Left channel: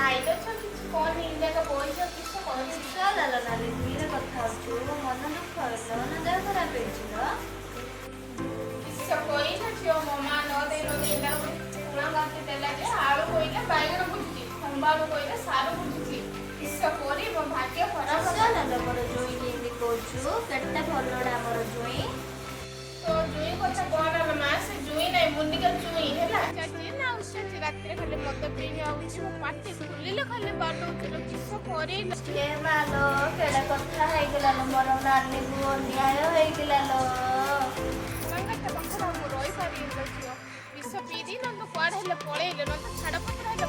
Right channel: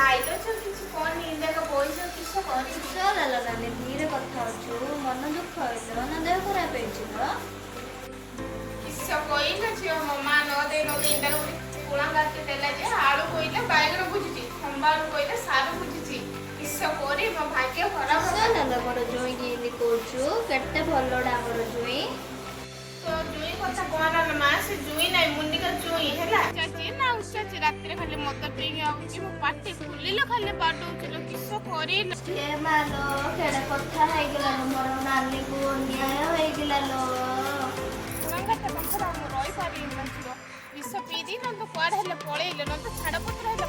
ନାଇଁ ତ କିଛି କହନି ଦେଖ ପଇସା କିଛି କହନି ଲାଲ ନାନୀ ଧୀରେ କଥା ଅଛୁ ମନ ଦୁଃଖ ହେଇଛ ନା ଦେହ ଖରାପ ହେଇଛି ତ କିସ କହିଲା ଝିଅ ମୋ ମା ନ ଦେଇ ତାର ପୁଣା ଗାତି ଦେଲା ଯେ ଆଳୁ କହିଲା ବାଇଗଣ ବୁଝିଛି ଖମ୍ବାଳୁ କହିଲା ସାରୁ ବୁଝିଛି କିସ କରି ମୋ ଭାଗ୍ୟ ଖରାପ ନା ମୋର ଜୁଇଁ ଏମିତି କହୁଛୁ କେତେ ଭଲଟା ଆମର ଜୁଇଁ ତ ଜୁଇଁ କଥା କହନା ଲୋ ମା ସେ ଜୁଇଁ ନାହିଁ ମୁନିକା ଜୁଇଁ ହେଲା ନା ଉଚାଛି ରାତିରେ ଖାଲି ମଦ ପିଇକି ଆଉଛି ମୋ ପାଟି ଖୁଲିଲେ ଖାଲି ବାଡଉଛି ଲୋ କିସ କରିଲ ଏ ମାଲୋ କେଡେ କଥା ହେଇଗଲାଲୋ ମୋର ନାନୀକୁ ଅନ୍ୟାୟ ହେଇଗଲାଲୋ ପୁଣାଙ୍ଗାଟା ପାଖରେ ମୁଁ ରହିପାରିବିନି ଝିଅ ବିଷ ପିଇ ଦେଇ ନହେଲେ କୁଆଡ଼େ ହେଲେ ପଳେଇଲେ ନହେଲେ ଛାଡ଼ପତ୍ର ହେଲେ